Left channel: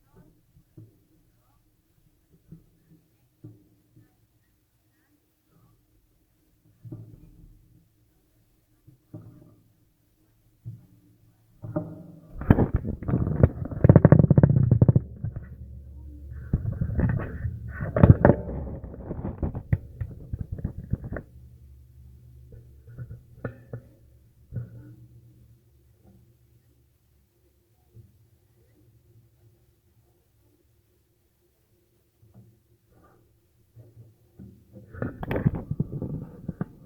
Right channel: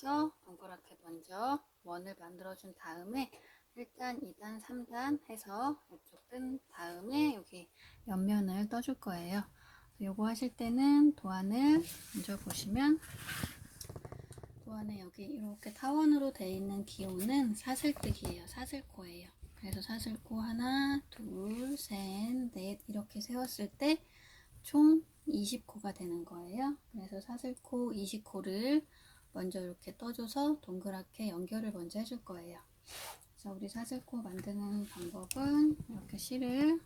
돌려서 동그랗게 먼저 원을 만들어준 다음에 1단, 2단, 3단 해서 이쪽 뜬 다음에 여기 옆면을 떠줄 거예요. 요거 하실 때는 도안을 먼저 보시면 도안에 여기 이렇게 타원으로 되어 있는 기호는 사슬뜨기예요. 사슬코예요. 그래서 사슬코 하나, 둘, 셋, 넷 이렇게 세웠을 때 총 20코가 되는 거예요. 그래서 사슬코 20코를 먼저 이렇게 떠줘서 동그랗게 연결을 먼저 해줄 거예요. 그래서 우리 사슬코 만드는 방법은 이렇게 실을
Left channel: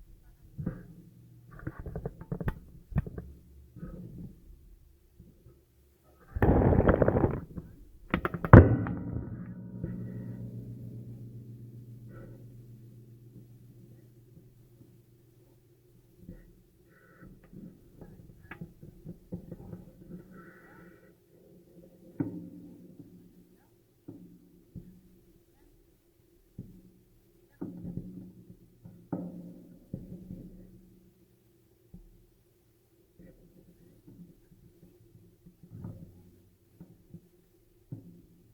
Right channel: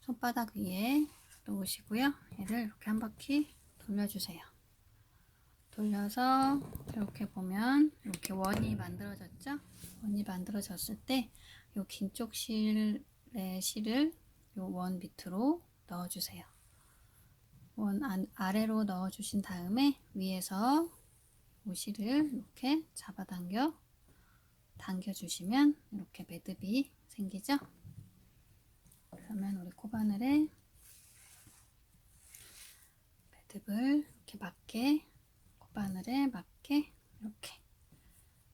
손바닥 위에 놓으시고요. 얘를 이렇게 한 바퀴 돌려주세요. 돌려서 이렇게 보면 이렇게 원이 만들어졌죠? 원이 만들어졌을 때 이 긴 쪽 실의 실을 이 원 밑으로 넣어주세요. 원 아래로 넣어주신 다음에 위에서 이 실을 이렇게 당겨주시면 이렇게 매듭이 생기죠? 그러면 우리 코바늘에 매듭을 이렇게 코바늘에 맞게 이렇게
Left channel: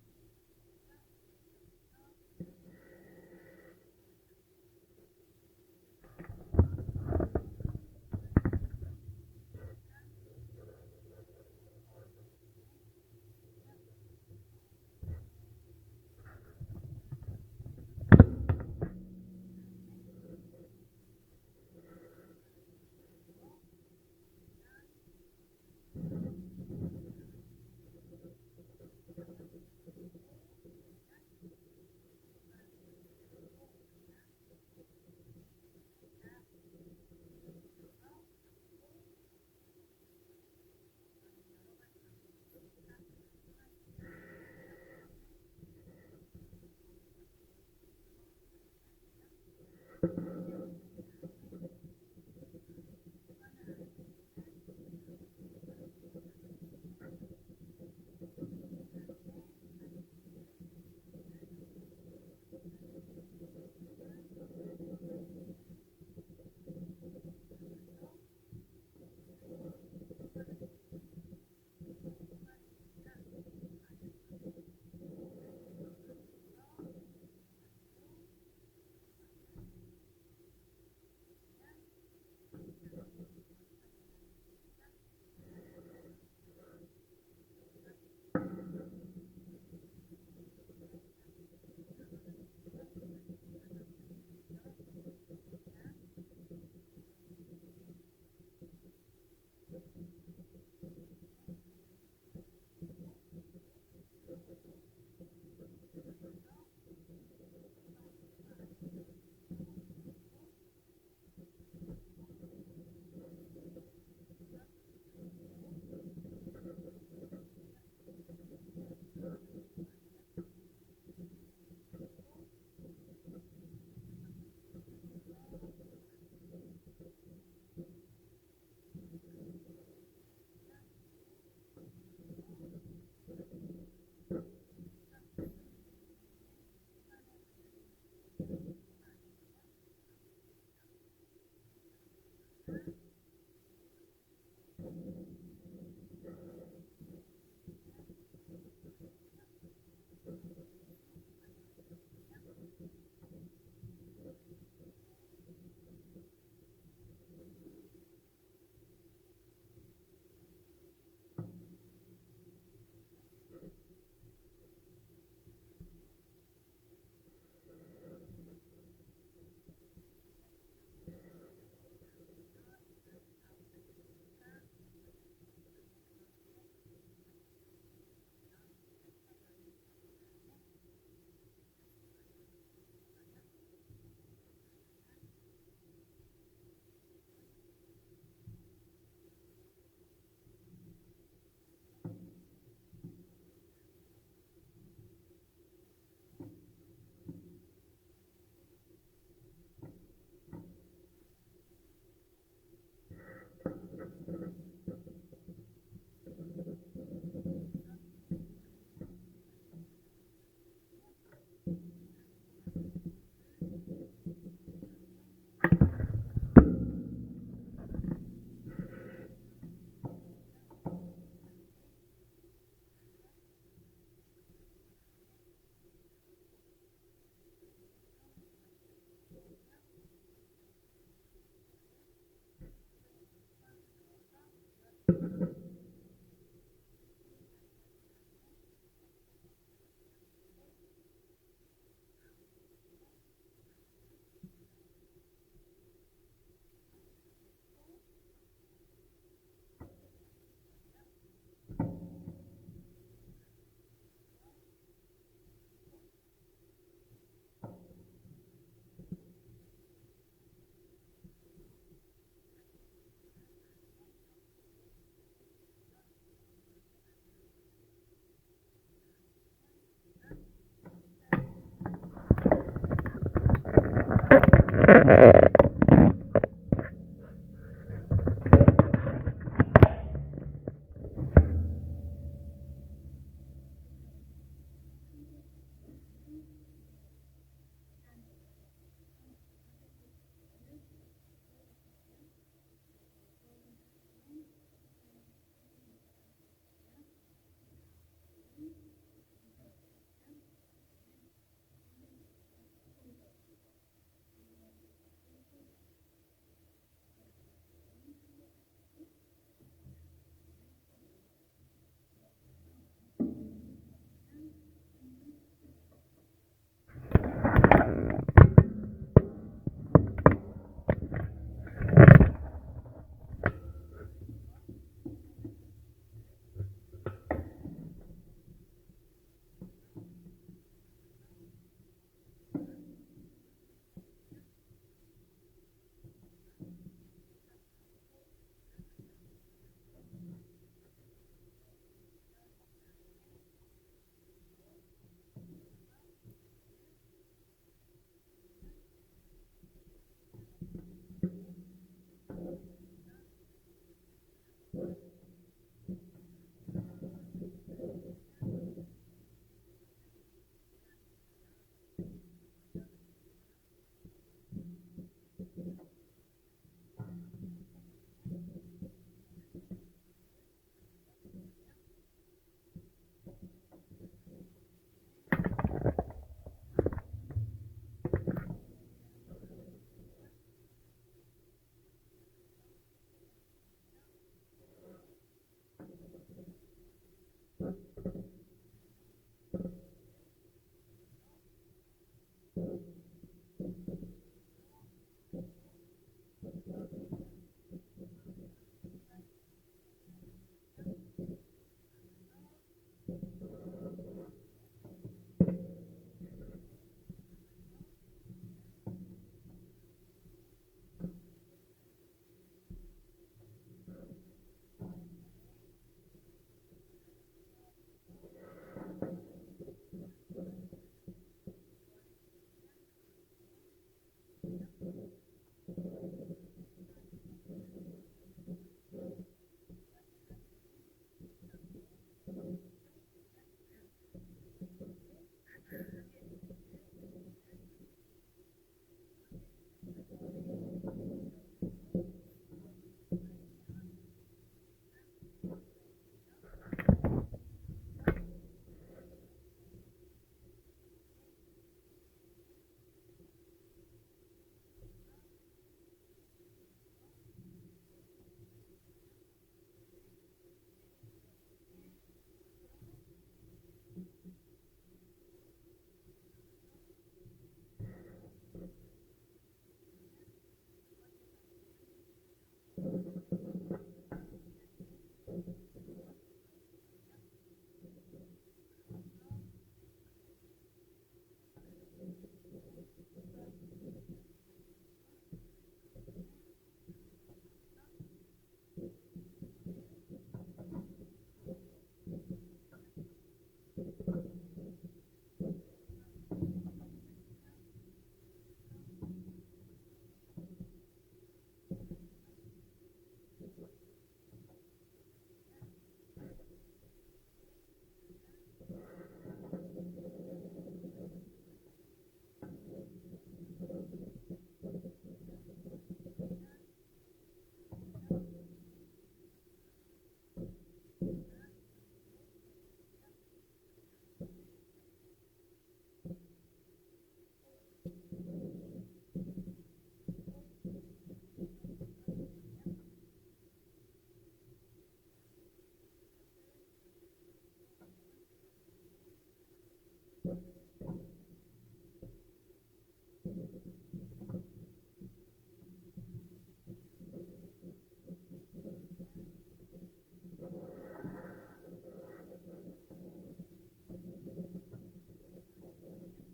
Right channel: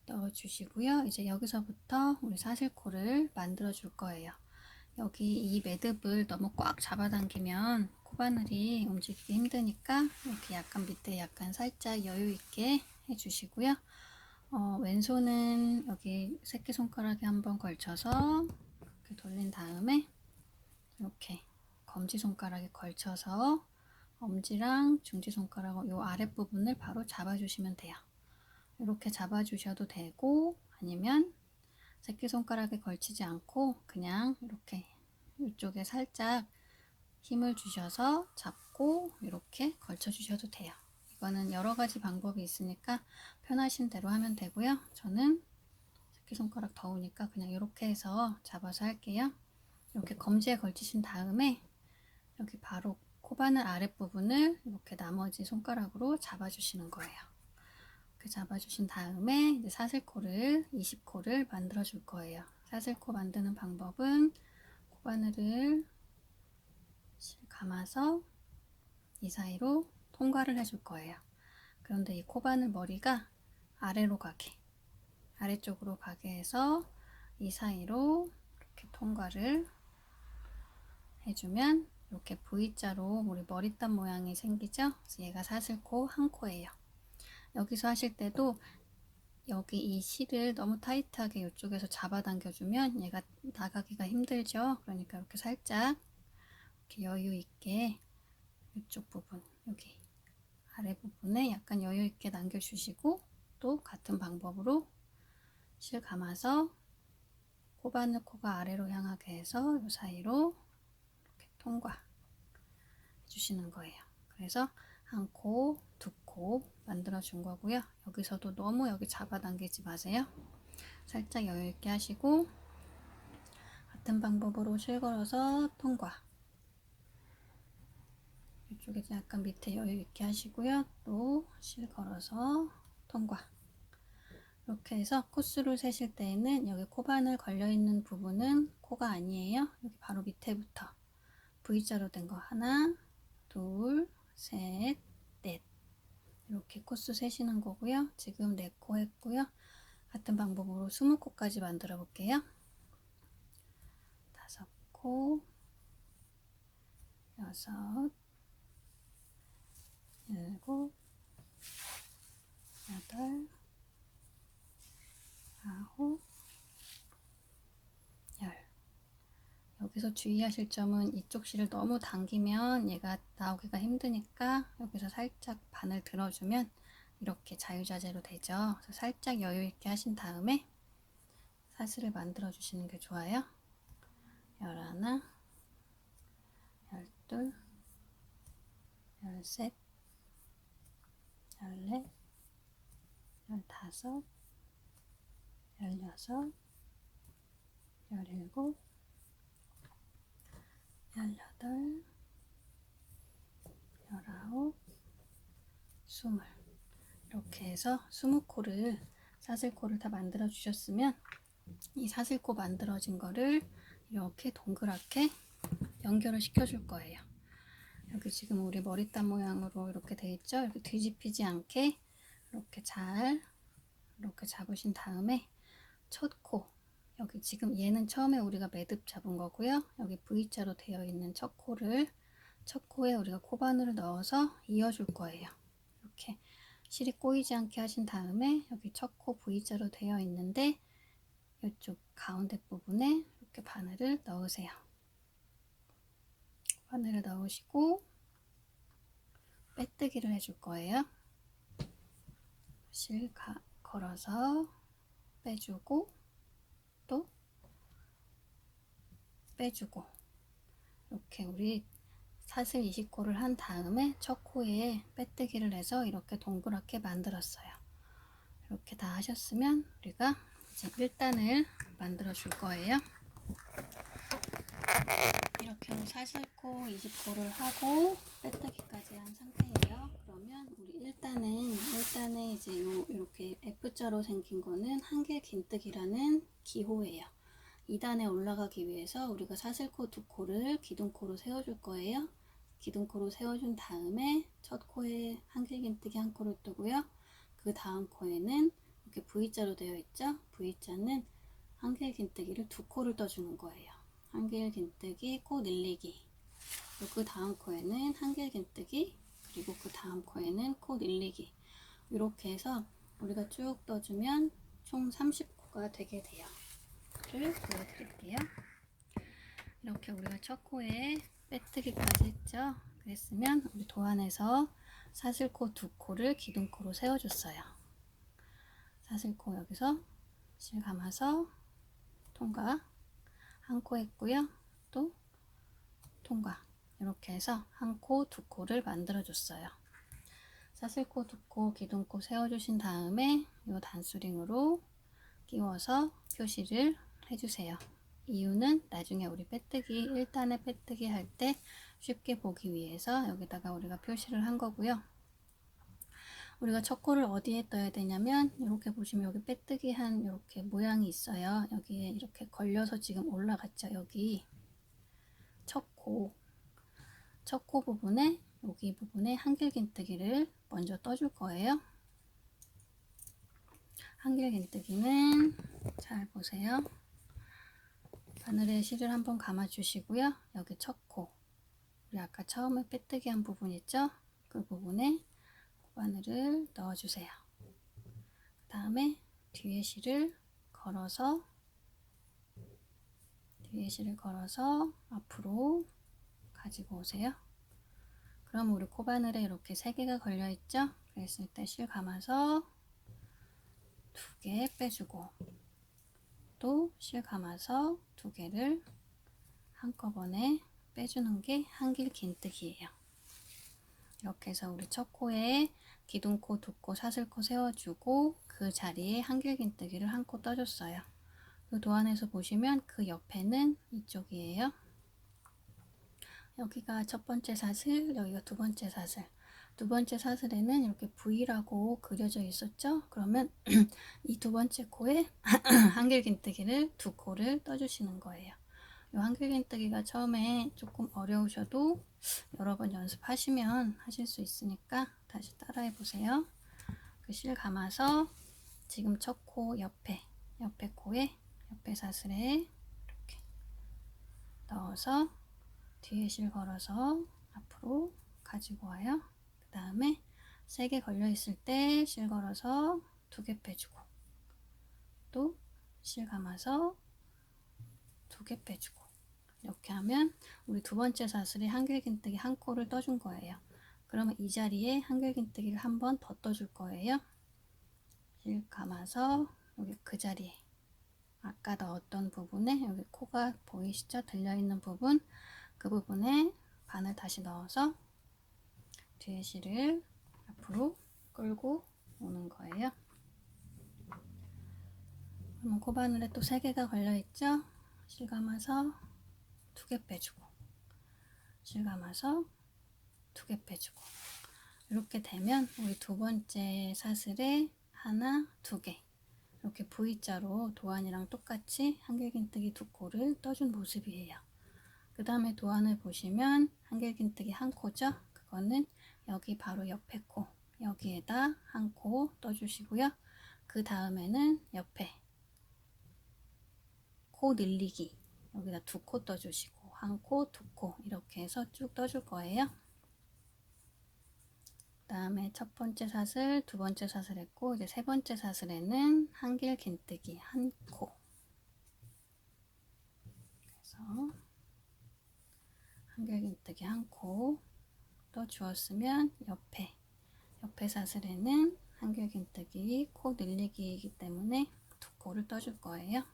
넣어주시고요. 이제 여기서부터 우리 사슬코를 만들어 줄 거예요. 여기 이 매듭을 너무 꽉 잡아당기면 코바늘이 움직이기 힘드니까 이렇게 약간 밑에 약간 살짝 여유 있게 해주시고요. 왼손은 여기 새끼손가락에 한번 걸쳐서 이렇게 돌린 다음에 이렇게 검지손가락에 걸쳐서 엄지랑 중지손가락 요 아랫부분을 바로 잡아주시면 돼요. 이렇게 잡아주셔도 되고 아니면 새끼손가락에 걸치지 않고 그냥 이렇게 이쪽에 살짝 힘을 주셔서 잡고 이렇게 걸쳐 주셔도 돼요. 이거는 여러 가지 방법이 있으니까 편하신 대로 하면 되고요. 저는 새끼손가락 더우니까 그냥 이렇게 해서 잡아서 할게요. 이렇게 검지에 걸치신 다음에 여기 바로 코바늘 아랫부분을 이렇게 나머지 손가락으로 잡아주시는 거예요. 이렇게 잡아주신 다음에 이제 사슬코를 20코를 만들어 줄 거예요. 사슬코 만드는 방법은 코바늘을 감아서 이 사이로 통과를 해줄 거예요. 그런데 이 코바늘 머리가 아래쪽으로 가게 해서 이 사이로 이렇게 통과를 해주면 이렇게 V자로 우리 머리땀 모양이 생기죠? 그래서 얘가 사슬코 한 코예요. 여기서 하실 때도 여기 이 실을 너무 타이트하게 이쪽에서 잡아당겨주면 얘가 나가기가 힘들죠? 그러니까 이렇게 살짝 이렇게 여유 있게 이쪽 부분, 여기 아래 부분에 약간 여유 있게 남겨주시고 또 같은 방법으로 실 감아서 코바늘 코가 아래로 향하게 해서 이 사이로 이렇게 통과 해주시는 거예요. 그래서 한 코, 두 코 만들어 준 거고요. 여기서도 너무 여기 잡아당기지 마세요. 살짝 여유 있게 하시고 같은 방법으로 실 걸어서 통과. 이쪽에 약간 밑에 여유 있게 하시고요. 또 실 걸어서 통과. 이렇게 해서 코수를 세실 때에는 여기 코바늘 걸려있는 부분은 코가 아니에요. 여기 바로 밑에부터 V자로 된 거 하나, 둘, 셋, 넷 이렇게 코수 세시는 거고요. 지금 4코 했고요. 같은 방법으로 20코까지 만들어 볼게요. 5코, 6, 7, 8, 9, 10. 여기서 주의하실 점은 이쪽 실을 너무 당기면 얘가 나오기가 힘드니까 여기서 살짝 바늘 들어주면 이렇게 자유자재로 되죠. 그래서 살짝 여유 있게 하신 다음에 사슬을 만들어 주시는 게 좋아요. 11, 12, 13, 14, 15, 16, 17, 18, 19, 20 이렇게 해서 20코를 사슬코를 다 만들어 주셨으면 이 사슬코 만들어진 거를 이렇게 동그랗게 연결을 시켜 줄 거예요. 여기 지금 우리 머리땀 모양으로 이렇게 돼 있죠? 이렇게 뒤집히지 않게 이렇게 잘 이렇게 잡으신 다음에 첫 코, 여기 지금 얘는 처음에 우리가 매듭 잡은 거고요. 여기 V자로 되어 있는 첫 코에 우리가 코바늘을 넣어서 이어줄 거예요. 이렇게 실이 꼬이지 않게 하신 다음에 여기 첫 코 V자로 되어 있는데 이쪽 가운데 부분에 이렇게 바늘을 넣으세요. 바늘을 넣으시고 빼뜨기를 해줄 거예요. 실 걸어서 빼주고 또 빼주고, 이렇게 우리 사슬 20코를 한 다음에 첫 코에 빼뜨기를 해서 이렇게 동그랗게 만들었어요. 이렇게 다 하셨으면 우리가 이제 1단을 만들어 줄 거예요. 이렇게 사슬코 20코를 하고 빼뜨기까지 한 상태예요. 그러면 우리 1단에 이제 이렇게 F자로 생긴 거는 한길 긴뜨기라는 기호예요. 2단에 올라가기 위해서 우리가 사슬코 2코를 기둥코로 세워줄 거예요. 기둥코로 세워준 다음에 첫 코에 한길긴뜨기 한 코를 뜨고요. 그 다음 코에는 이렇게 V자로 되어 있죠. V자는 한길긴뜨기를 2코를 떠주는 거예요. 한길긴뜨기, 코 늘리기. 그 다음 코에는 한길긴뜨기, 그리고 그 다음 코에는 코 늘리기. 이렇게 해서 우리가 쭉 떠주면 총 30코가 되게 돼요. 이렇게 우리가 첫 코에 빼뜨기까지 했죠. 그랬으면 우리 도안에서 사슬코 2코를 기둥코로 세워줬어요. 사슬코 여기서 실 감아서 통과 한 코 했고요. 또 통과, 이렇게 해서 한 코, 2코를 만들어 줬어요. 사슬코 2코, 기둥코 세워주신 다음에 이 단수링으로 끼워서 표시를 해주세요. 이유는 나중에 우리 빼뜨기 1단에 빼뜨기 할 때 쉽게 보기 위해서 여기다가 우리가 표시를 한 거고요. 우리가 첫 코를 어디에 떠야 되냐면 이렇게 보시면 여기 빼뜨기 한 이렇게 모양이 있어요. 여기에 이렇게 걸려서 지금 올라갔죠. 여기 첫 코 부분에, 여기 부분에 한길긴뜨기를 먼저 떠줄 거예요. 한길긴뜨기는 잘 보세요. 바늘에 실을 한번 감아 주시고요. 여기 첫 코, 우리 아까 처음에 빼뜨기 한 부분 있죠? 그 부분에 바늘을 넣어 주세요. 그 다음에 뒤에 실을 걸어서 앞으로 가지고 오세요. 그럼 우리 코바늘에 이렇게 3개가 걸려 있죠? 그랬을 때 실 감아서 2개 빼주고, 또 실 감아서 2개를 한꺼번에 빼주는 게 한길긴뜨기예요. 이렇게 해서 우리 첫 코에 기둥코, 2코, 사슬코 세워주고 그 자리에 한길긴뜨기를 한 코 떠줬어요. 그 도안에서 보시면 그 옆에는 이쪽이에요. 여기가 첫 번째 사슬, 여기가 두 번째 사슬. 두 번째 사슬에는 이렇게 V라고 그려져 있었죠? 그러면 이 두 번째 코에 한길긴뜨기를 2코를 떠주시는 거예요. 이 한길긴뜨기가 처음에 조금 어려우셔도 여러 번 연습하시면 하실 수 있으니까 다시 따라해 보세요. 그 실 감아서 지금 첫 코 옆에 코에, 옆에 사슬에 이렇게 넣어서 뒤에 실 걸어서 앞으로 가지고 와요. 그 다음에 3개 걸려 있을 때 실 걸어서 2개 빼주고, 또 실 감아서 2개 빼주고, 이렇게 하면 우리 두 번째 사슬에 한길긴뜨기 한 코를 떠준 거예요. 그러면 이 자리에 한길긴뜨기를 한 번 더 떠줄 거예요. 실 감아서 여기 그 자리에 아까 넣었던 부분에 여기 코가 보이시죠? 들려있는 부분, 그 부분에 바늘 다시 넣어서 뒤에 실을 앞으로 끌고 오는 거예요. 그러면 코바늘에 또 3개가 걸려있죠? 실 감아서 2개 빼주고, 실 감아서 2개 빼주고, 이렇게 되면 우리 두 번째 사슬에 하나, 2개 이렇게 V자로 도안이랑 똑같이 한길긴뜨기 2코를 떠준 모습이에요. 그 다음에 도안을 보시면 한길긴뜨기 한 코죠? 그거는 여기 바로 옆에 코, 여기에다 한 코 떠주시고요. 그 다음에는 옆에 코 늘리기, 여기다 2코 떠주시고 한 코, 2코 이렇게 해서 쭉 떠줄 거예요. 그 다음에 첫 번째 사슬, 두 번째 사슬 했고, 이제 세 번째 사슬에는 한길 긴뜨기 한 코. 그래서 한길 긴뜨기 한 코 떠주었으면 옆에 사슬에는 한길 긴뜨기 코 늘리기이기 때문에 2코를 떠줄 거예요.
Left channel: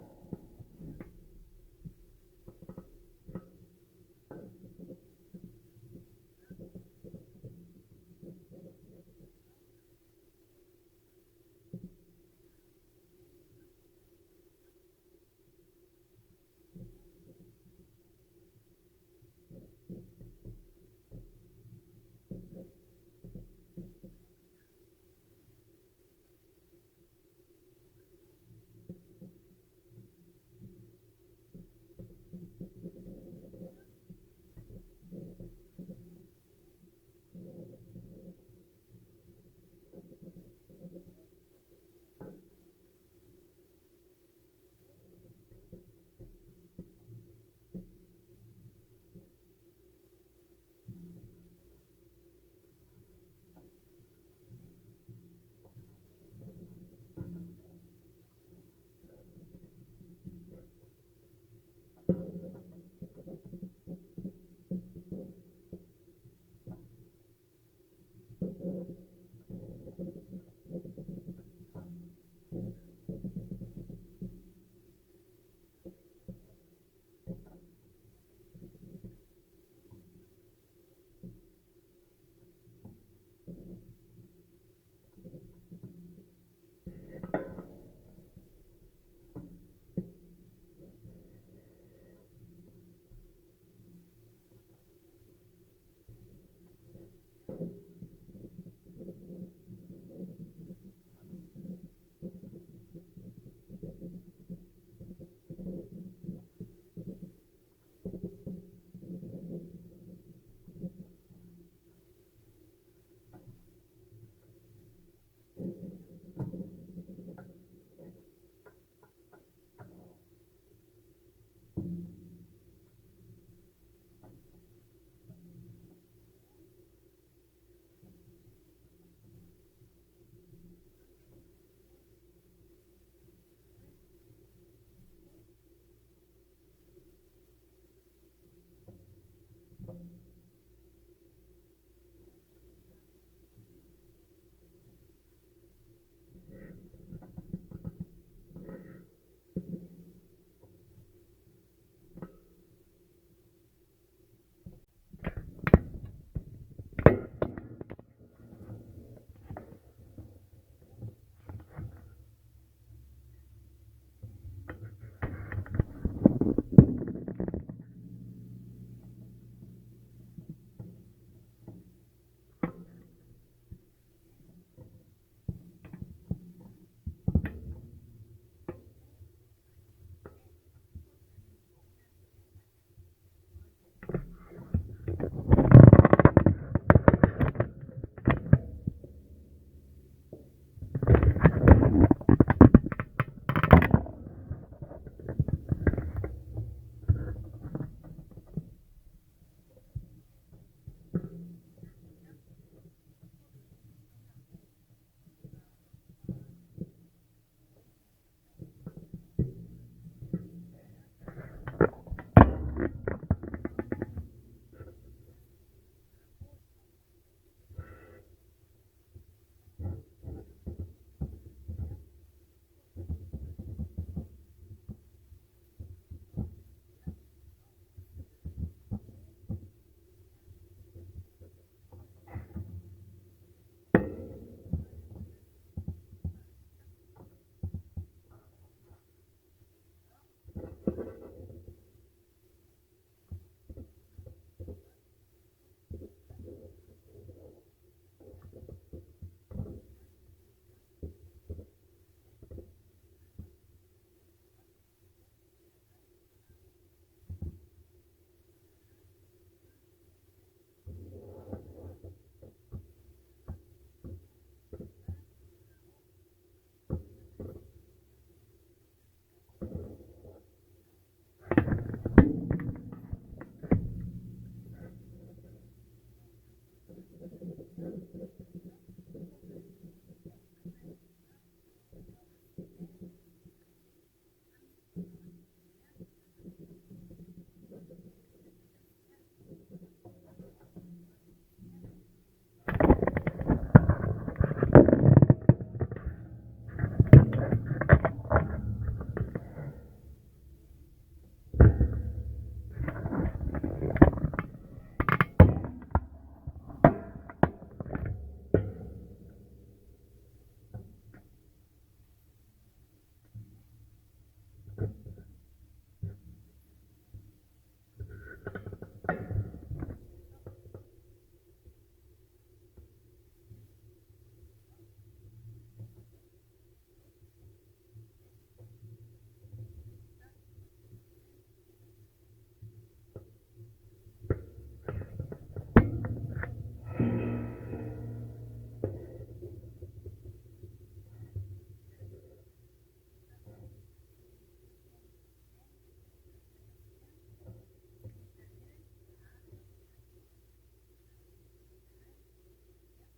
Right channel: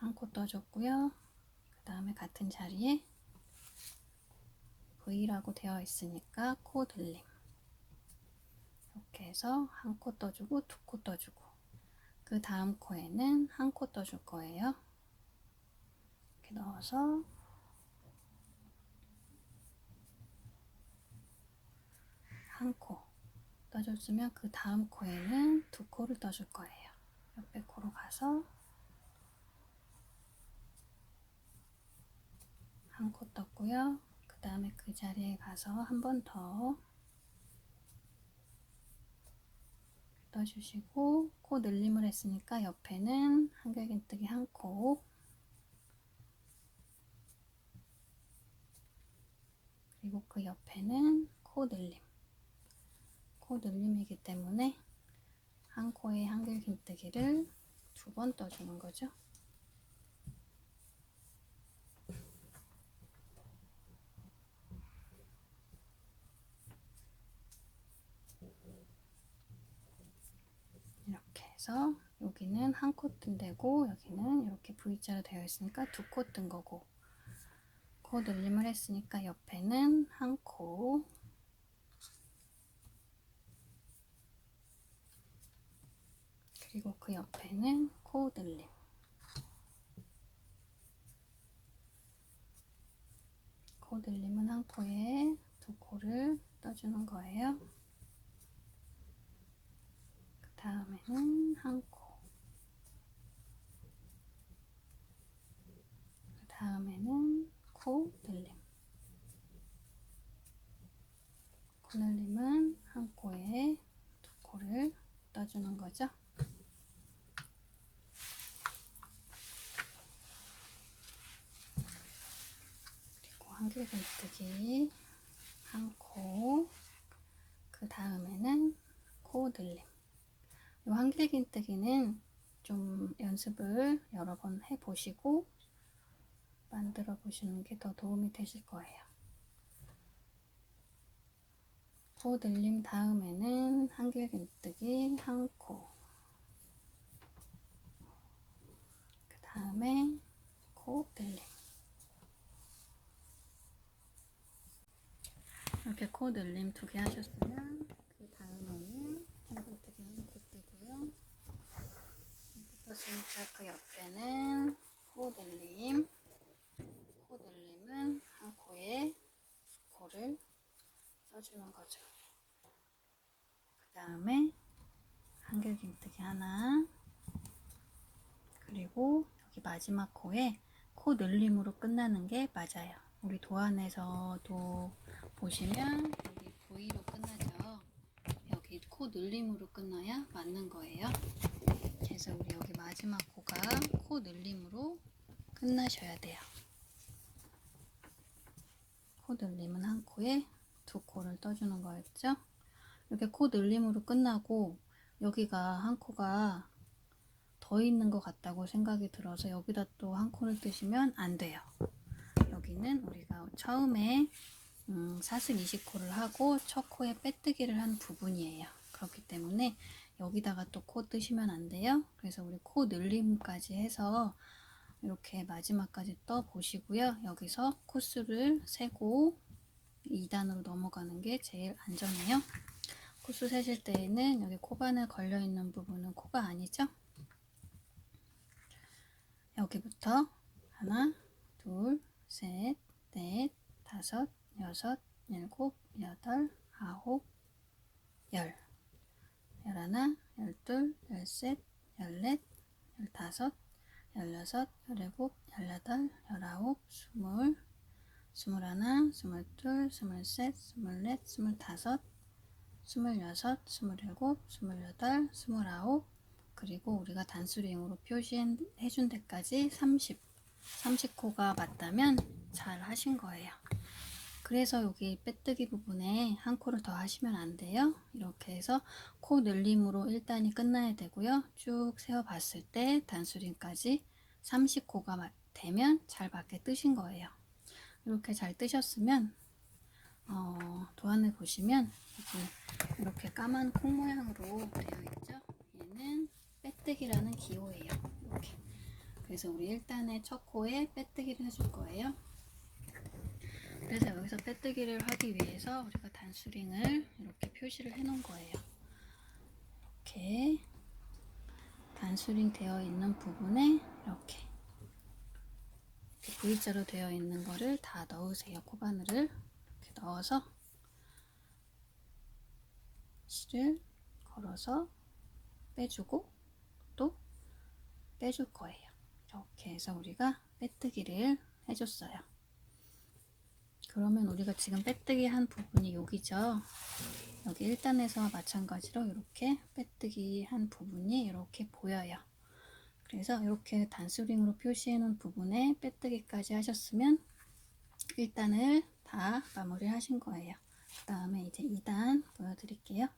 한 코 떠줬고요. 그 다음에 같은 자리에 V라고 되어 있으니까 코 늘림. 이렇게 해서 한 코 떠주고 2코 떠주고, 그 다음 코에는 한 코 떠줄 거예요. 이렇게 넣어서 한 코 떠줬으면 그 다음 코에는 2코를 떠줄 거예요. 옆에 코로 가서 한 코 떴고요. 그 다음에 그 자리에 가서 한 번 더 떠주시고, 코 늘림을 했으니까 옆에는 한길긴뜨기 한 코, 그리고 그 옆에는 코 늘림. 코 늘림이기 때문에 한 코에 한길긴뜨기를 2번 떠주는 거죠. 이렇게 해서 여기는 한 코 뜬 데고, 여기는 이렇게 V자로 되어 있으니까 2코 뜬 거고, 코 늘림을 했으니까 옆에는 한 코, 그리고 그 옆에는 코 늘림. 코 늘림은 한 코에 2코를 떠주는 거예요. 그 다음에는 한 코, 그 다음에는 코 늘림. 코 늘림은 한 코에 2코를 떠주는 거죠. 그리고 한길긴뜨기 한 코, 그 다음에는 코 늘림. 이 한길긴뜨기는 좀 연습을 여러 번 해보시고 만들어 보시는 게 더 도움이 되실 거예요. 코 늘림 다음에는 한길긴뜨기 한 코, 그 다음에 코 늘림. 이렇게 코 늘림 2개 하셨으면 그 다음에는 한길뜨기 한 코 뜨고요. 떴으니까 그 옆에는 코 늘림. 코 늘림은 한 코에 2코를 써주는 거죠. 그 다음에 한길긴뜨기 하나, 그리고 여기 마지막 코에 코 늘림으로 끝나는 게 맞아요. 우리 도안에서도 보시면 V로 끝나죠. 여기 코 늘림으로 끝나야 맞는 거예요. 그래서 여기 마지막 코가 코 늘림으로 끝나셔야 돼요. 코 늘림은 한 코에 2코를 떠주는 거였죠. 이렇게 코 늘림으로 끝나고 여기가 한 코가 더 있는 것 같다고 생각이 들어서 여기다 또 한 코를 뜨시면 안 돼요. 여기는 우리가 처음에 사슬 20코를 하고 첫 코에 빼뜨기를 한 부분이에요. 그렇기 때문에 여기다가 또 코 뜨시면 안 돼요. 그래서 우리 코 늘림까지 해서 이렇게 마지막까지 떠 보시고요. 여기서 코수를 세고 2단으로 넘어가는 게 제일 안전해요. 코수 세실 때에는 여기 코바늘 걸려있는 부분은 코가 아니죠. 여기부터 하나, 둘, 셋, 넷, 다섯, 여섯, 일곱, 여덟, 아홉, 열, 열하나, 열둘, 열셋, 열넷, 열다섯, 열여섯, 열일곱, 열여덟, 열아홉, 스물, 스물하나, 스물둘, 스물셋, 스물넷, 스물다섯, 26, 27, 28, 29 그리고 우리가 단수링으로 표시해준 데까지 30코가 맞다면 잘 하신 거예요. 그래서 여기 빼뜨기 부분에 한 코를 더 하시면 안 돼요. 이렇게 해서 코 늘림으로 1단이 끝나야 되고요. 쭉 세어 봤을 때 단수링까지 30코가 되면 잘 맞게 뜨신 거예요. 이렇게 잘 뜨셨으면 도안을 보시면 이렇게 까만 콩 모양으로 되어 있죠. 얘는 빼뜨기라는 기호예요. 이렇게. 그래서 우리 1단의 첫 코에 빼뜨기를 해줄 거예요. 그래서 여기서 빼뜨기를 하기 위해서 우리가 단수링을 이렇게 표시를 해 놓은 거예요. 이렇게 단수링 되어 있는 부분에 이렇게 V자로 되어 있는 거를 다 넣으세요. 코바늘을 이렇게 넣어서 실을 걸어서 빼주고 또 빼줄 거예요. 이렇게 해서 우리가 빼뜨기를 해줬어요. 그러면 우리가 지금 빼뜨기 한 부분이 여기죠. 여기 1단에서와 마찬가지로 이렇게 빼뜨기 한 부분이 이렇게 보여요. 그래서 이렇게 단수링으로 표시해 놓은 부분에 빼뜨기까지 하셨으면 1단을 다 마무리 하신 거예요. 그 다음에 이제 2단 보여드릴게요.